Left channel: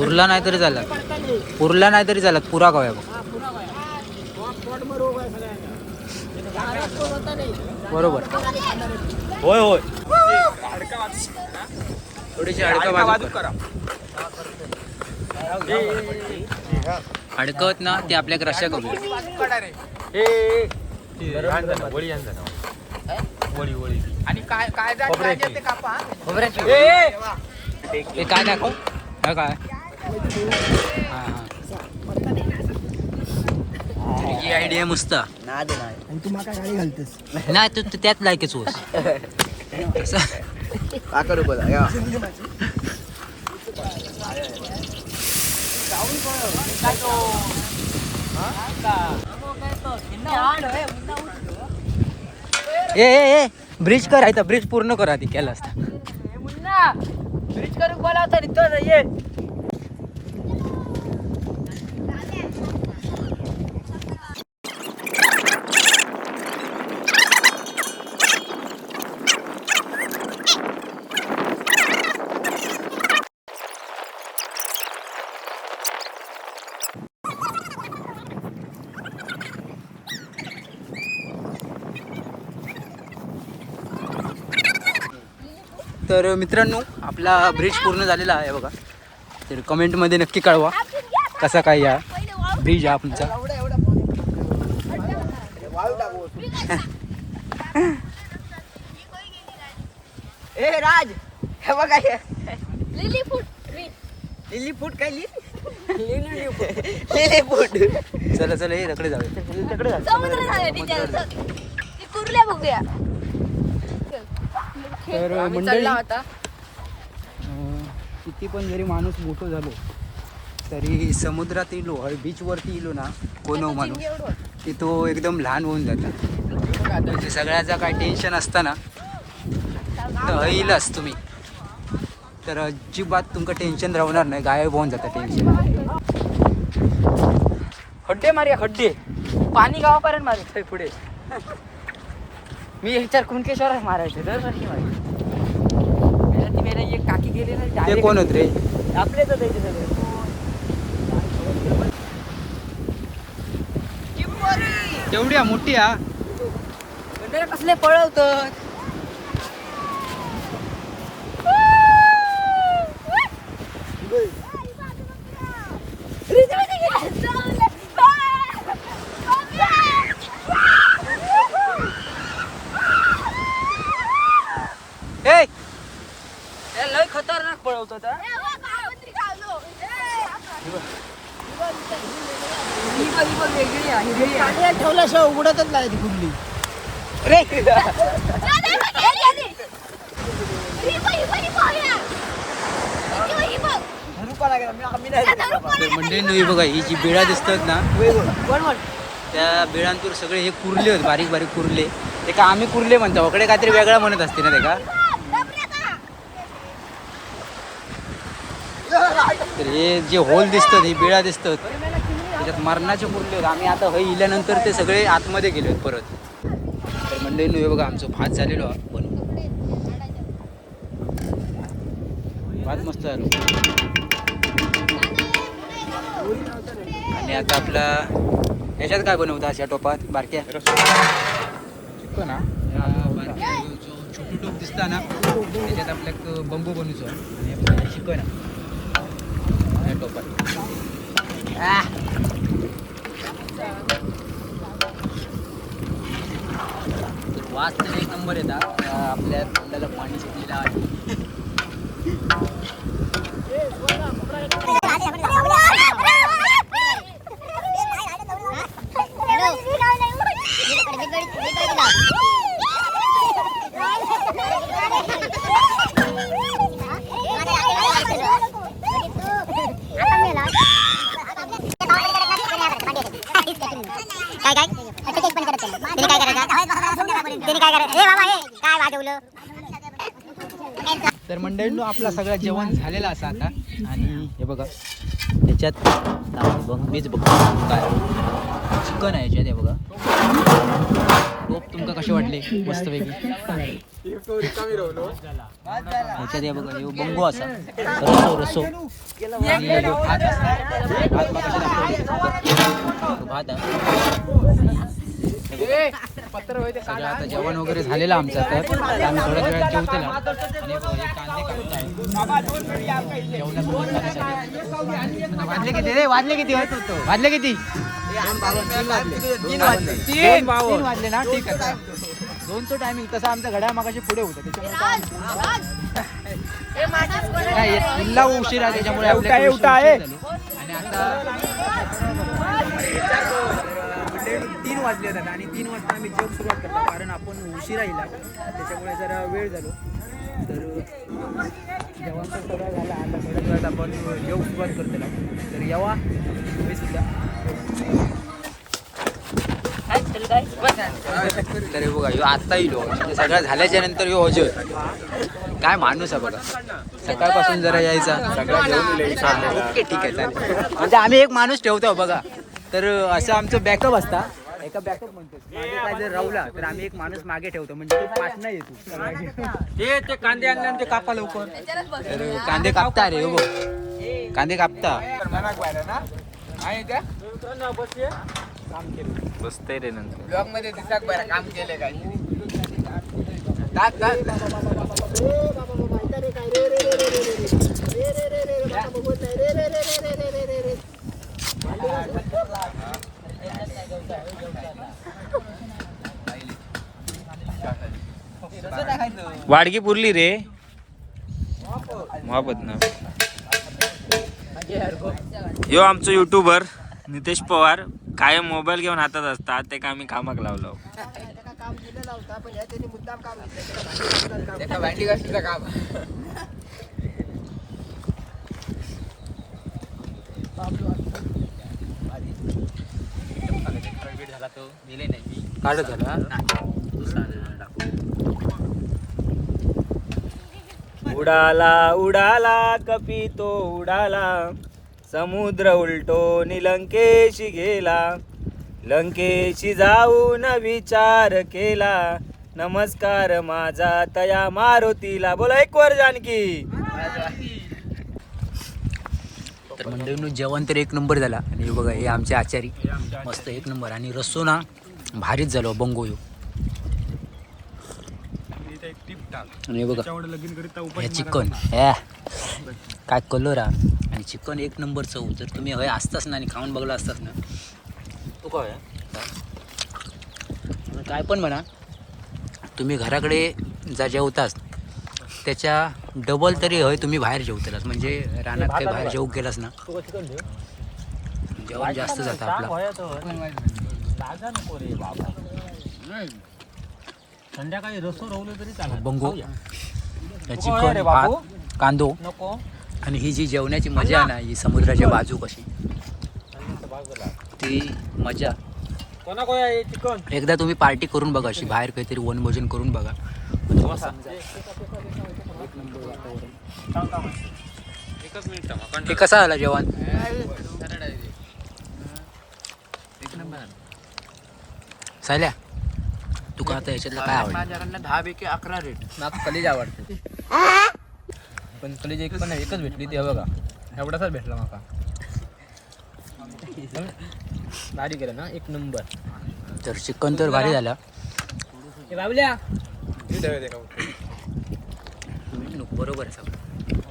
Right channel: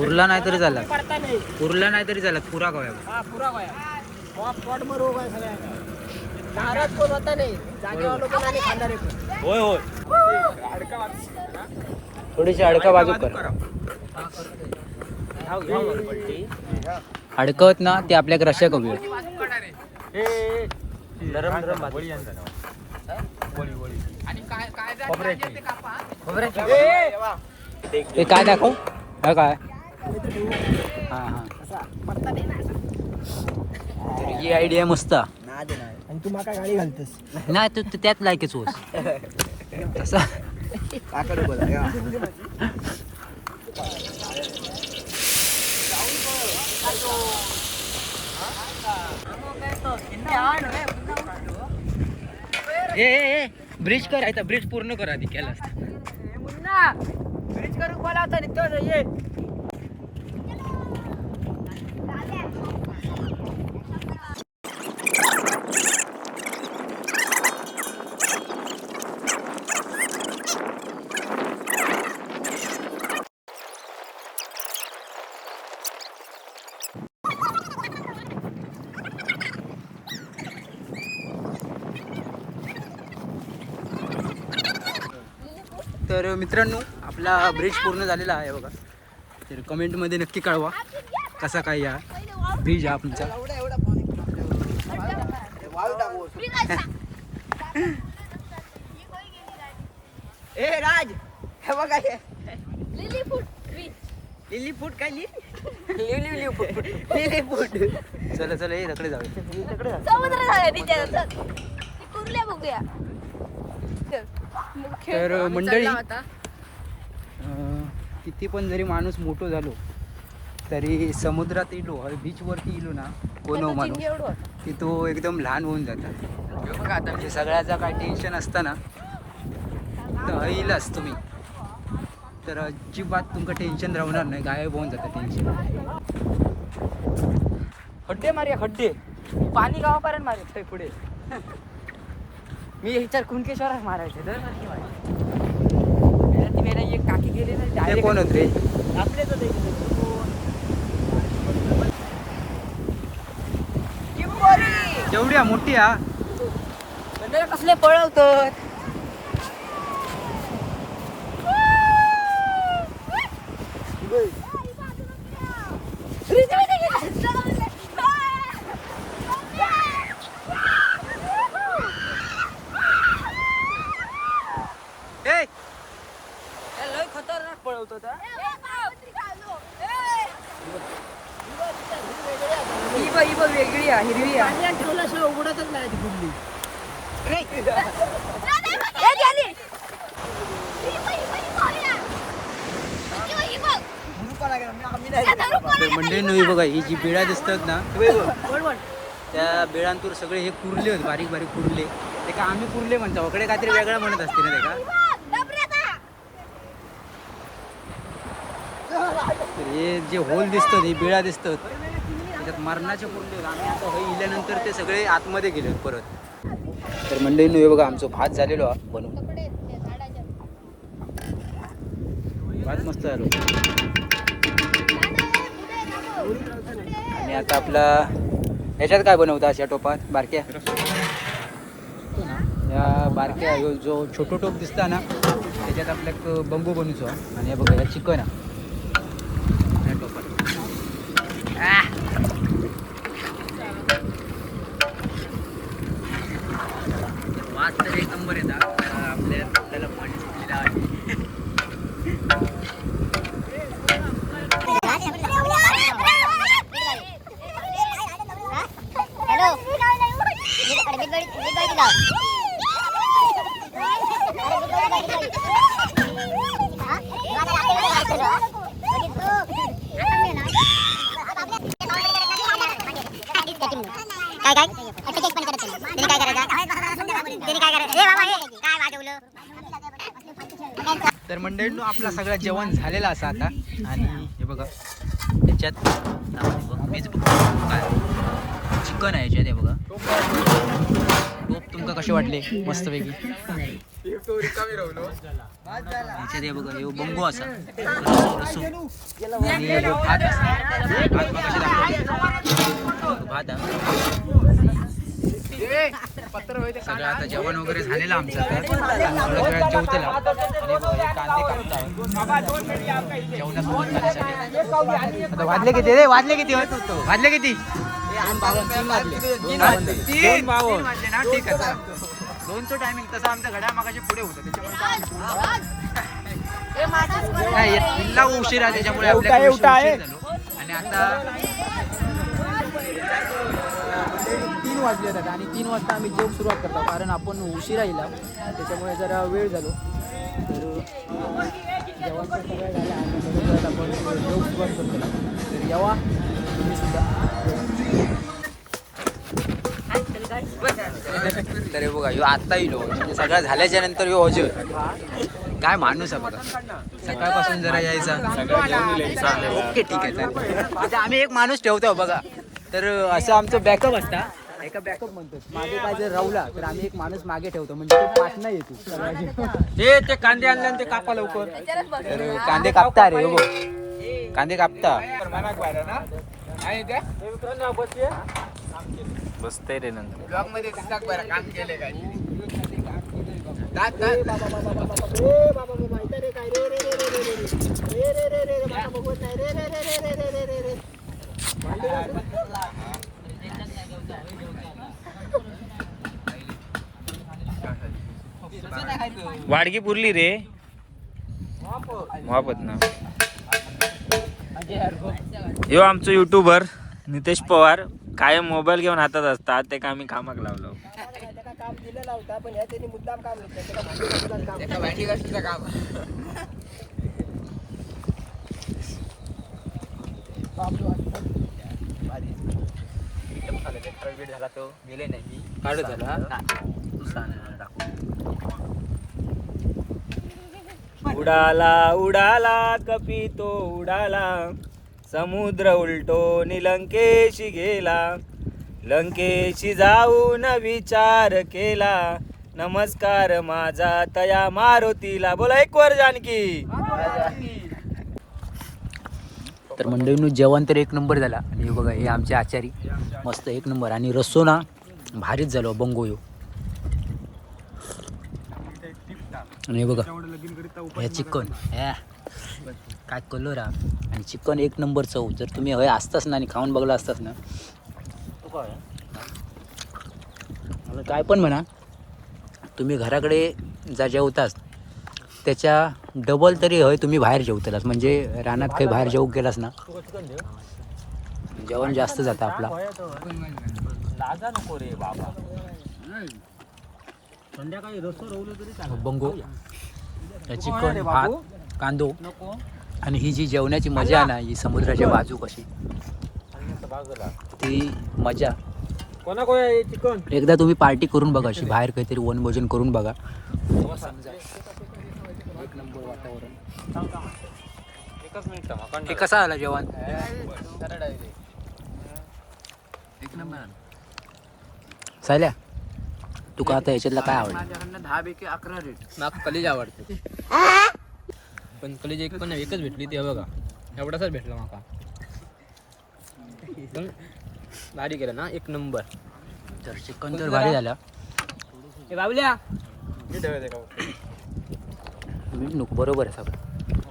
पुरला नाही तरी झाला, पुरला नाही तरी झाला, पुरा गाव बघ. बरोबर. होय होय. थोडीशी अडका बाजू करा. अडकवत ना ते आपल्याकडे रश्या कमी. हे काय दाखव, हा काय हा हा ही आयडिया मस्त. आणि तू माका गाडी घालतेस नाही तू त्यात लायकेच होस तसं. ए ब्रिज कर आहे, ब्रिज पूर्ण कर आधी केला असता. ब्रिज करून बोलावता तो ये. तर मित्रांनो आपला ब्रिज पूर्ण झालेला आहे बघा. तर कमेंटमध्ये नक्की कळवा कसा काय या ब्रिज हा तुमचा. ए राज हे बघा लिली फूट काय लिली फूट. चला चला हे रकडे जाऊया. तर मंडळी किती पण जरी माणूस मोठो झालो तरी समुद्रात येलो बीचवरती येलो ना कोण माणूस की तो एकदम लहान होऊन जाता. म्हणजे सगळ्याचा काय टेन्शन असताना तर येईलच तुम्ही, तर अजिबात तुमचं टेन्शन राहणार नाही, गायब होऊन जातं टेन्शन. खड्डे मारूया खड्डे, पाणी गावापर्यंत मारू पुढे. मी विचार कुणकेश्वर मारायचे दरवर्षी ती वेळेला एक काकी गेली ना डायरेक्ट. कोण होते आपले तर द्यायचे सगळे. तेवढी मोठी हा म्हणजे कसले पळवतो. लय खतरनाक पळवतो. वेगळी आहे ठेवल्याशिवाय उडतच नाही ती कुठली. तर मंडळी बघा ही जी बेळा दिसतात ना त्या बेळांतून सगळे हे कुर्ले होते, बारीक बारीक कुर्ले. ते का आम्ही कुर्ले म्हणतो, इकडे काहीतरी वेगळा म्हणत असते ना ते का. तर हे जे होल दिसतात ही बेळा दिसतात त्याच्यात मरणाचे कुर्ले होते. आम्ही आता हे इल्यानंतर ते सगळे आतमध्ये गेले परत. तर मंडळी हे बघा आमचं भात झालेलो बनवून, भात मस्त झालो. आणि आता आपला ह्याच्यात काय बनवतात अशा टोपात बारक्या ना, या बारक्या जो छोटो टोप दिसता ना त्याच्यात आपल्याक बंबू बनवतो. आणि हे बघा चिकन या टोपात. मस्त एक नंबर येतात. आपल्याला पाणी सुटलेलं आहे. तर मंडळींनो आपला सगळं जेवण झालेलं असं आता. आणि हे बघा याच्यात मीच चिकन आहे याच्यात. हे बघा टोप तुमका कसे वाटले मस्तपैकी. ह्याच्यात हे बघा हे बंगो असा रस्सो आणि ह्यो भात असा भात मगाशी दाखवला तो भात सगळं आता जेवण वगैरे झालेलं आमचं तर आणि थोड्या वेळात जेवतेला आणि बघा हे कांदे कापता जेवणासोबत खाण्यासाठी आता वाजले किती रे वाजले किती वाजले किती 2 वाजले ना ठीक आहे चला. 2चं टायमिंग तसं आमच्या घड्या मागाशी पुढे होतं त्याच्यामुळे नाही तुला उशीर आहे त्याच्यामुळे आपल्याला उशीर झालो. आणि आता मंडळी 3 वाजले होतात आणि 3 वाजता आम्ही जेवण सुरुवात करतो कारण आपण उशिरा येला त्याच्यामुळे जरा वेळ झालो तर जेवण तर सगळं झालं आता थोड्या वेळात आपण जेवण सुरुवात करतो तर यावा तुम्ही सुद्धा तर बघा ह्यो आता येलो सगळं झाल्याच्या नंतर ह्यो हजर काय माणूस आहे बघा सकाळपासून जरा यायचा सगळा घेऊन येईल. ओके ठीक आहे चालेल म्हणजे आम्ही एक माणूस ठेवतो बघा तर असं आमचं बॅकअप असता एका बॅकअप म्हणतो मागे काय जर राहुला तर आम्ही एक माणूस मागे ठेवतो म्हणजे तो पाठ नाही येतो ते कांदे आणले ते कापा लवकर. तर कांदे कापता रे हो कांदे कापता बसतंय रे नंतर ब्लॉग मध्ये दिसतात बरं काम केले काय वाडगी पुरली रे वापत ना. यो आमचं युट्यूबर नितेश पवार कायम मोबाईल घेऊन हातात असतात ते आम्ही कामाक लावलो. काढत झाला उडाला उडाला कपी तो उडाला समुद्र उलटो निलंकेशी गेला लंकेशी जाऊन विचार केला नमस्कार माझा तया मारुतीला. बोला एक वर जानकी. तर मंडळींनो जेवण तर 1 नंबर झाला आणि हे बघा हे आमचे आचारी मस्त 1 नंबर आणि रस्सो ना भारीच झालो बंगो ह्यो. आणि बघा हे चिकन ह्या काय कलर आणि चिकन 1 नंबर चव. जर तुम्ही हय असताच ना आणि खाऊन बघला असताच ना मला काय पण म्हणा तुम्ही घराकडे जा जेवताच त्याच्या डबल तरी हय तुम्ही बाहेर जेवतालाच म्हणजे रानात काही बाहेर जेवू गेलास ना जेवण जास्त जातं आपला. बंगो चिकन भात कांदो आणि ही जी जेवणाची मजा आहे ना ही समुद्राच्या बाजू कशी ती मजा एकदा तुम्ही पार्टी करून बघा अशी बाहेर काहीतरी वनभोजन करून बघा. 1 नंबर वातावरण. हे कसं आलं जेवण सायल्या तुका आता याच्यातला काय आवडलं? माझ्याकडनं 10 पैकी 11 रेट. मला कलेज आवडते पण कलेज एकच भेटली ती बघा एवढाच भेटला माका भारी केलं ना 1 नंबर. तर चिकन तर भारी झालं बाबल्या बरोबर आहे सगळं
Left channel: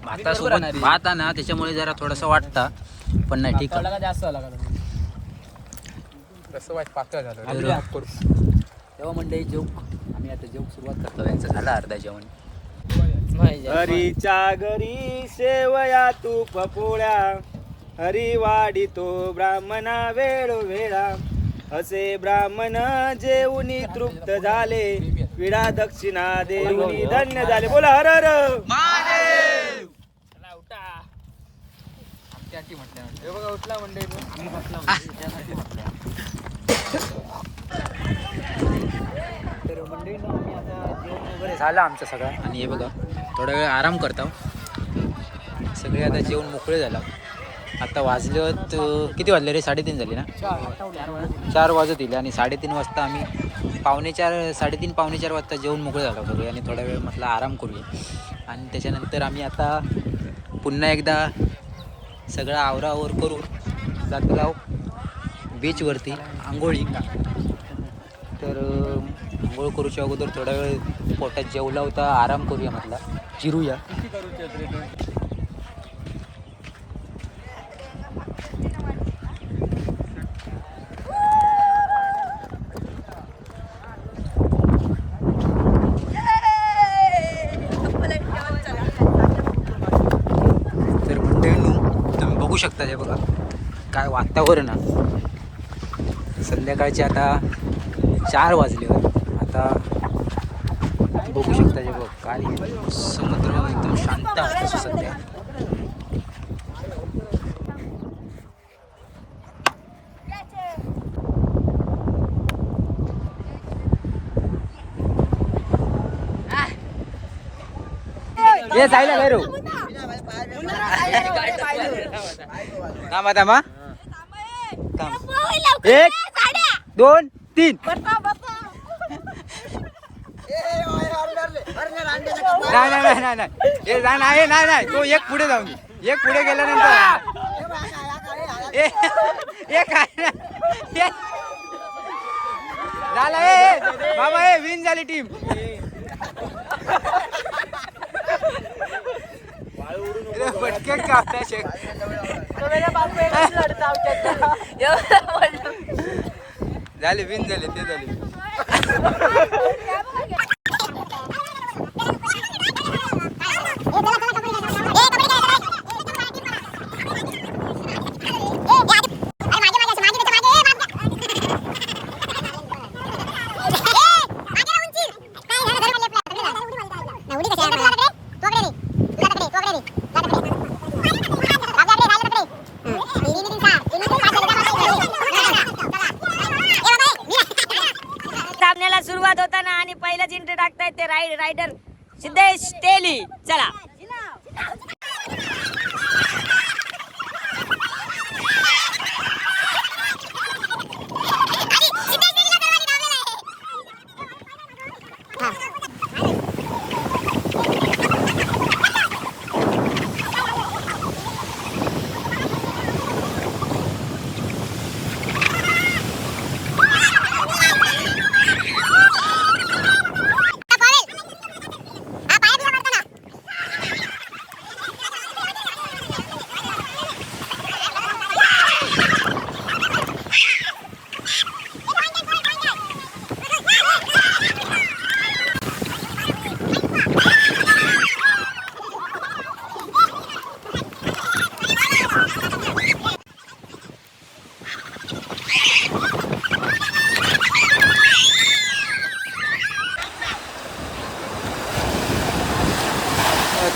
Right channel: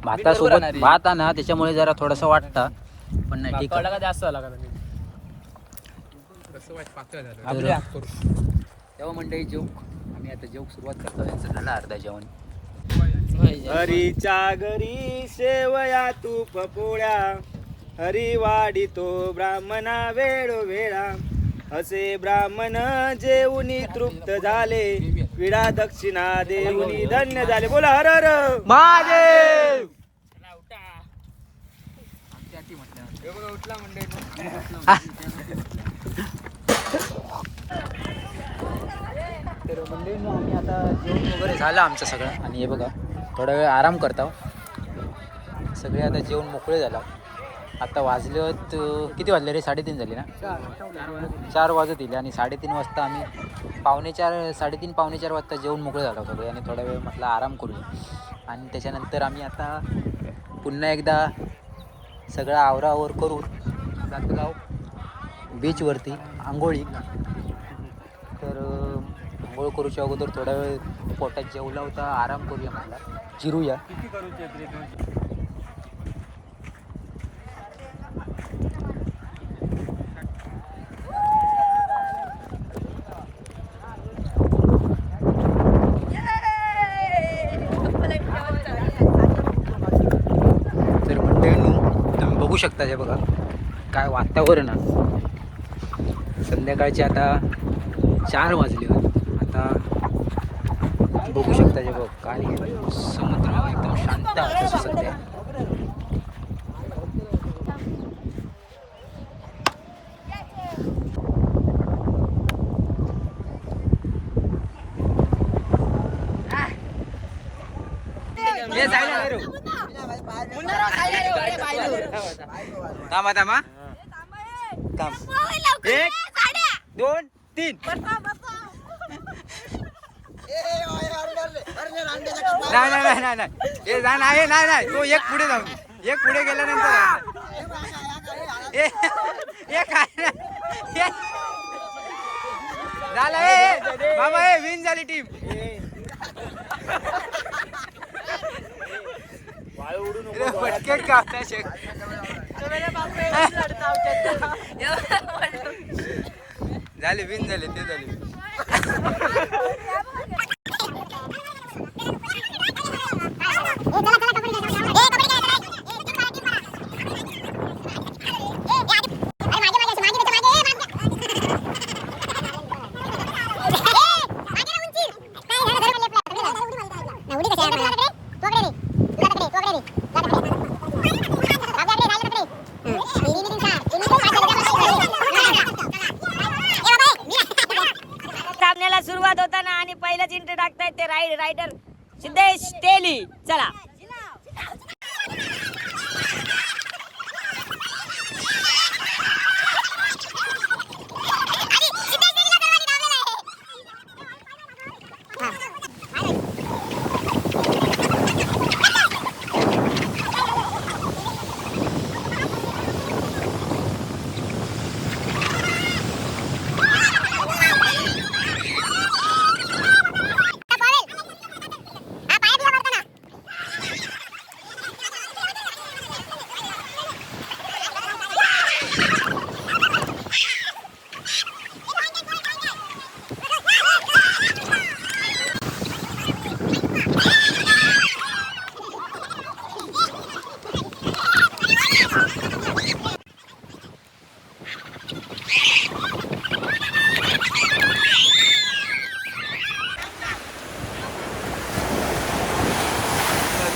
भातासोबत भात आहे ना त्याच्यामुळे जरा थोडासा वाटता पण नाही ठीक आहे. जास्त झाला का तर तेव्हा मंडळी जोक आम्ही आता जोक सुरुवात करतो यांचं झालं अर्धा जेवण. हरीच्या घरी शेवया तूप पोळ्या हरी वाढितो ब्राह्मणा वेळोवेळा असे ब्राह्मण जेवणी तृप्त झाले विडा दक्षिणा देऊनी धन्य झाले. बोला हर हर महादेव. उठला मंडळी तर मंडळींनो आम्ही आता जेवण वगैरे झालं आमचं सगळं आणि हे बघा थोडा वेळ आराम करतो सगळे आता जेवण मोकळे झाला आता वाजले किती वाजले रे? 3:30 झाले ना? 4 वाजत येईल आणि 3:30 वाजता आम्ही 3:30 पावणे 4 वाजता जेवून मोकळे झालो सगळे आणि थोडा वेळ म्हटलं आराम करूया. आणि त्याच्यानंतर आम्ही आता पुन्हा एकदा सगळं आवरावर करून जातो बीचवरती आंघोळी. तर आंघोळ करूच्या अगोदर थोडा वेळ पोटात जेवला होता, आराम करूया म्हटलं, जिरूया. तर म्हणते तुम्ही बघू शकता हे बघा काय वातावरण आहे. संध्याकाळचे आता 4 वाजले. आता बघू शकता जे बघ काय समुद्र एकदम शांत असतो सध्या. ये जायला बाहेर थांबा थांबा थांब 1 2 3 नाही हे जा नाही नाही तो एक पुढे जाऊन एक पुढे गेल्यानंतर झालं बाबा विन झाली टीम. फटके का झाले विन झाले ते झाले. सामन्याला सुरुवात होताना आणि पहिलाच एंट्री टाकतायत ते रायडर सिद्धेश तेली. चला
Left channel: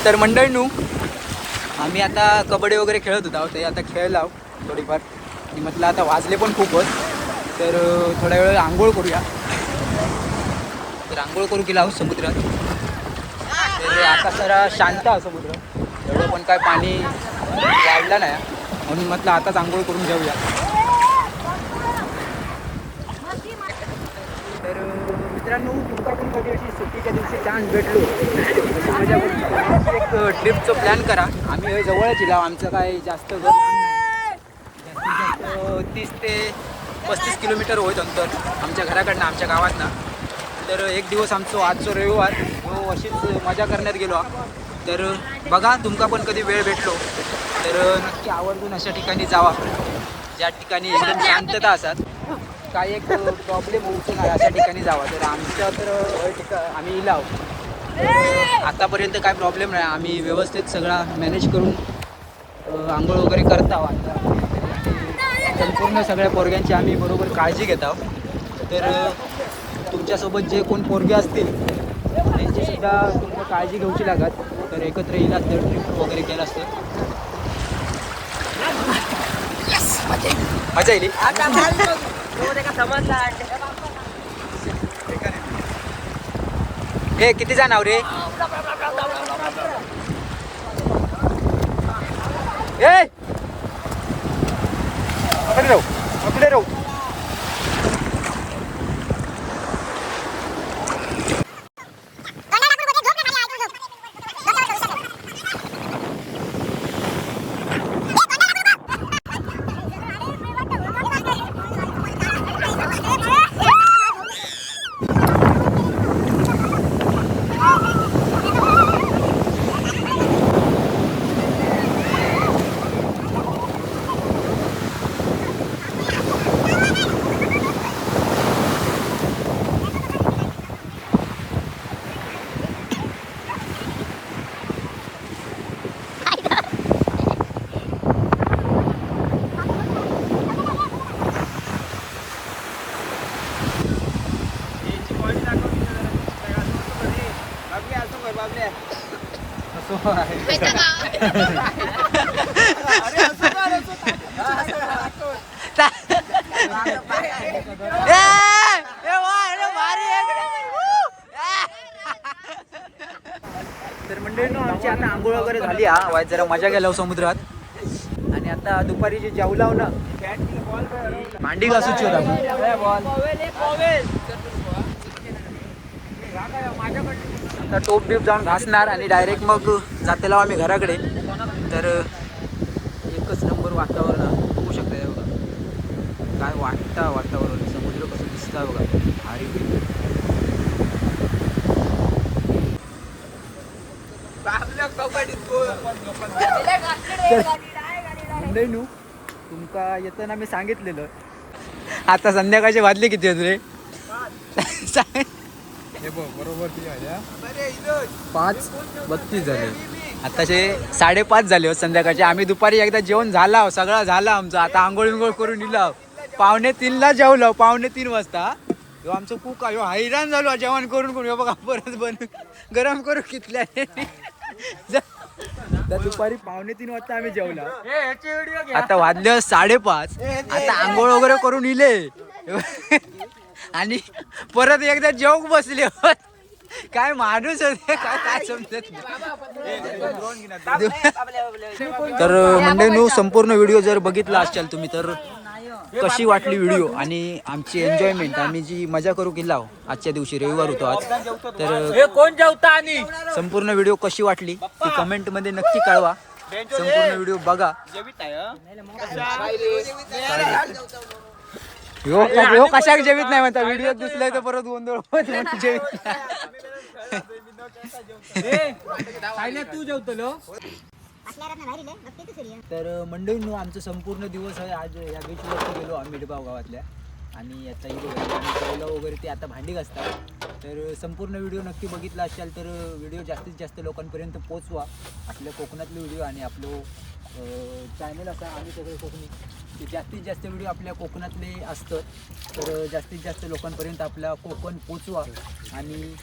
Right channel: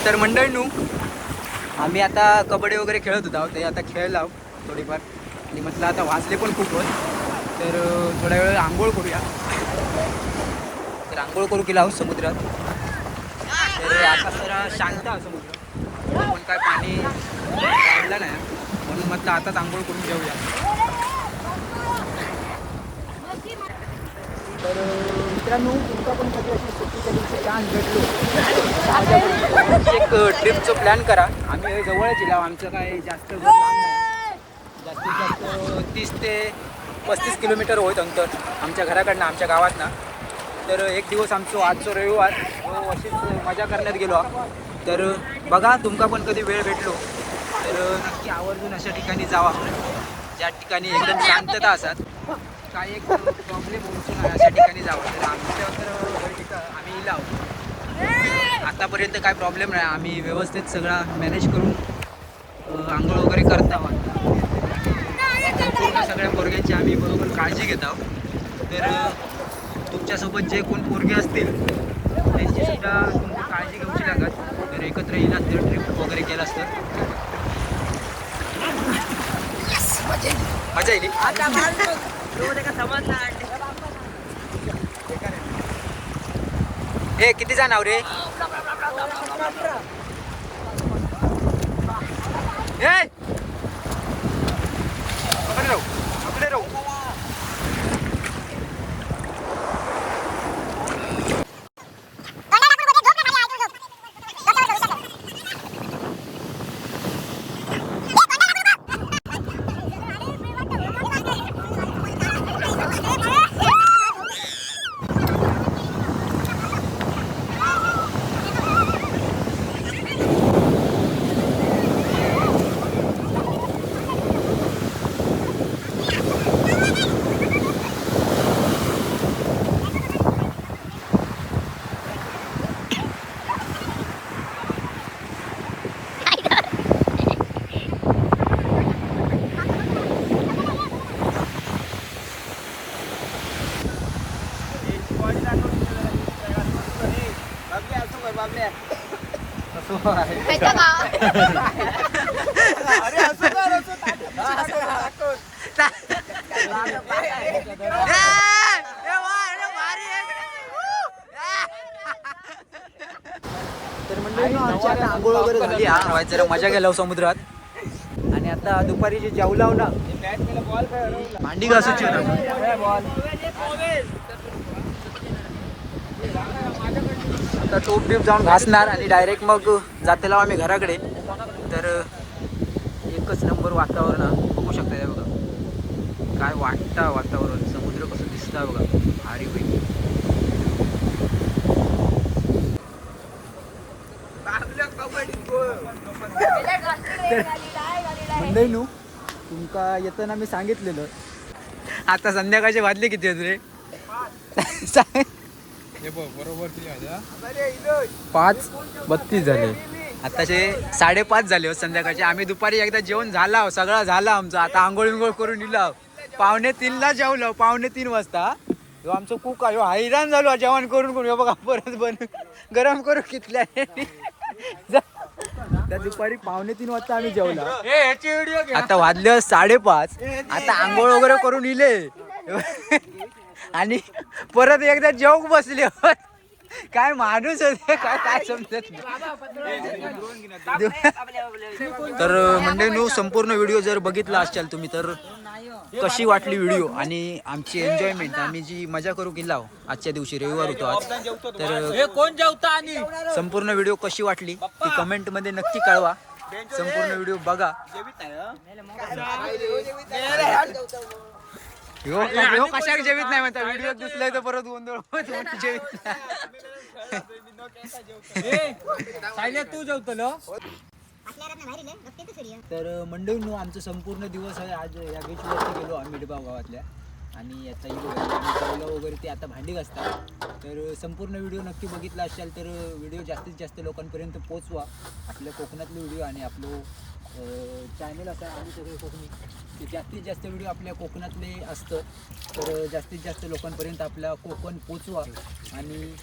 तर मंडळींनो आम्ही आता कबड्डी वगैरे खेळत होतो ते आता खेळलो थोडीफार आणि म्हटलं आता वाजले पण खूपच तर थोड्या वेळ आंघोळ करूया. तर आंघोळ करू केला समुद्रात. तर आता जरा शांत आहे समुद्र, एवढं पण काय पाणी वाढलं नाही म्हणून म्हटलं आताच आंघोळ करून जाऊया. तर मित्रांनो तुमचा पण कधी अशी सुट्टीच्या दिवशी चान्स भेटलो मजा करून एक ट्रिपचं प्लॅन करा. आम्ही जवळच येला, आमचं काय जास्त घर लांब नाही, जास्तीत जास्त 30 ते 35 किलोमीटर होत अंतर आमच्या घराकडनं आमच्या गावातनं. तर एक दिवस आमचं आजचं रविवार जो अशीच मजा करण्यात गेलो. तर बघा तुमका पण कधी वेळ भेटलो तर नक्की आवर्जून अशा ठिकाणी जावा ज्या ठिकाणी एकदम शांतता असतात, काय एक प्रॉब्लेम होऊ नाही अशा ठिकाणी जावा. तर आमच्या तर आम्ही इलाव आतापर्यंत काय प्रॉब्लेम नाही, आम्ही व्यवस्थित सगळा मॅनेज करून आंघोळ वगैरे करत आहोत. संपूर्ण सगळ्या पोरग्यांची आम्ही बरोबर काळजी घेत आहोत. तर तुमच्यासोबत जे कोण पोरगे असतील त्यांचीसुद्धा तुमच्या काळजी घ्यायची लागत. तर एकत्र येईल असतं ट्रिप वगैरे केलं असतं मजा येईल. हे किती जण आव रे? पुढे राहू. तर मंडळींनो आमची आता आंघोळ वगैरे झाली हा वाईट जरा मजा गेला समुद्रात आणि आता दुपारी जे जेवलाव ना भांडी घासूची आता टोप बीप जाऊन घासणार आणि डायरेक्ट मग जातेला आम्ही घराकडे. तर एकच नंबर वातावरण बघू शकता हे बघा काय वाटतं वातावरण समुद्र कसं दिसतं बघा भारी होईल. मंडळीनू तुमका येताना मी सांगितलेलं आता संध्याकाळचे वाजले किती आहेत रे? बरोबर 5:32 झाले. आताचे 5:30 झाले हो संध्याकाळचे. आम्ही दुपारी एकदा जेवण झाला सगळं झालं आमचं. आता आंघोळ करून दिला 2:45ला जेवलो 2:45 वाजता. ह्यो आमचं कुक ह्यो हैराण झालो जेवण करून करून. बघा परत बन गरम करू कितल्या दुपारी 2:45 वाजता आम्ही जेवला. आता वाजले 5:30. आता आंघोळ वगैरे करून इले आणि परत एकदा जेवूक बसले. काय माणूस होते काय काय समजत नाही. तर मंडळींनो संपूर्ण व्हिडिओ जर बघितला असाल तुम्ही तर कशी वाटली व्हिडिओ आणि आमची एन्जॉयमेंट आम्ही जी मजा करू केला आजच्या दिवशी रविवार होतो आज. तर कोण जेवता आणि संपूर्ण व्हिडिओ कशी वाटली ती कमेंट मध्ये नक्की कळवा. संपूर्ण व्हिडिओ बघा. ह्यो कशाक जेवित नाही म्हणता व्हिडिओ दिसलाय तर परत गोंधळ जेवित तू जेवतलो. तर मंडळींनो आमचं संपूर्ण दिवस आहे आज या बीचवरती गेलो आम्ही मिठबाव गावातल्या आणि याचा आम्ही जेवलं वगैरे ते आता भांडी घासतात. तर संपूर्ण व्हिडिओ नक्की बघितला असाल तर व्हिडिओ जास्तीत जास्त लोकांपर्यंत पोचवा. आपल्या कोकणातले व्हिडिओ आणि आपलं चॅनल असा आम्ही सगळे कोकणी ते जास्तीत जास्त व्हिडिओ आपल्या कोकणातले असतं. तर जास्तीत जास्त लोकांपर्यंत आपला कोकण पोचवा आणि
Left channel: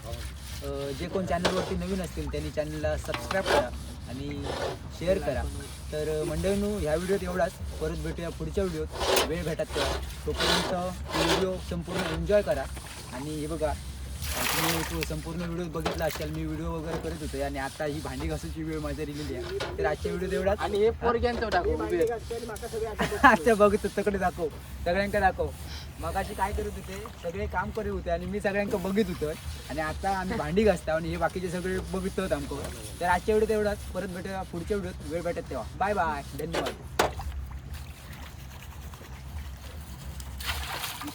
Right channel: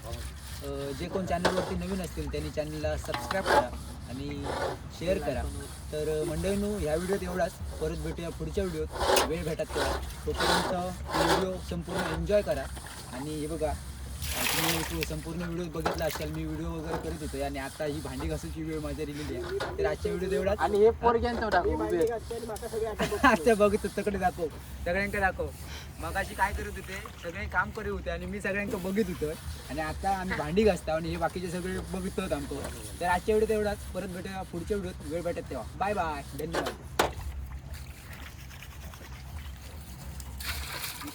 जे कोण चॅनलवरती नवीन असतील त्यांनी चॅनलला सबस्क्राईब करा आणि शेअर करा. तर मंडळींनो ह्या व्हिडिओत एवढाच. परत भेटूया पुढच्या व्हिडिओत वेळ भेटत तेव्हा. तोपर्यंत व्हिडिओ संपूर्ण एन्जॉय करा. आणि हे बघा तुम्ही संपूर्ण व्हिडिओ बघितला असाल मी व्हिडिओ वगैरे करत होतो आणि आता ही भांडी घासायची वेळ माझ्या दिलेली आहे. तर आजच्या व्हिडिओ एवढाच. आणि हे पोरग्यांचं टाकू आता बघतो तकडे दाखव सगळ्यांका दाखव. मगाशी काय करत होते सगळे काम करत होते आणि मी सगळ्यांका बघित होतो आणि आता आम्ही भांडी घासतो आणि हे बाकीचे सगळे बघित आमको. तर आजच्या व्हिडिओ एवढाच. परत भेटूया पुढच्या व्हिडिओत वेळ भेटत तेव्हा. Bye bye. धन्यवाद.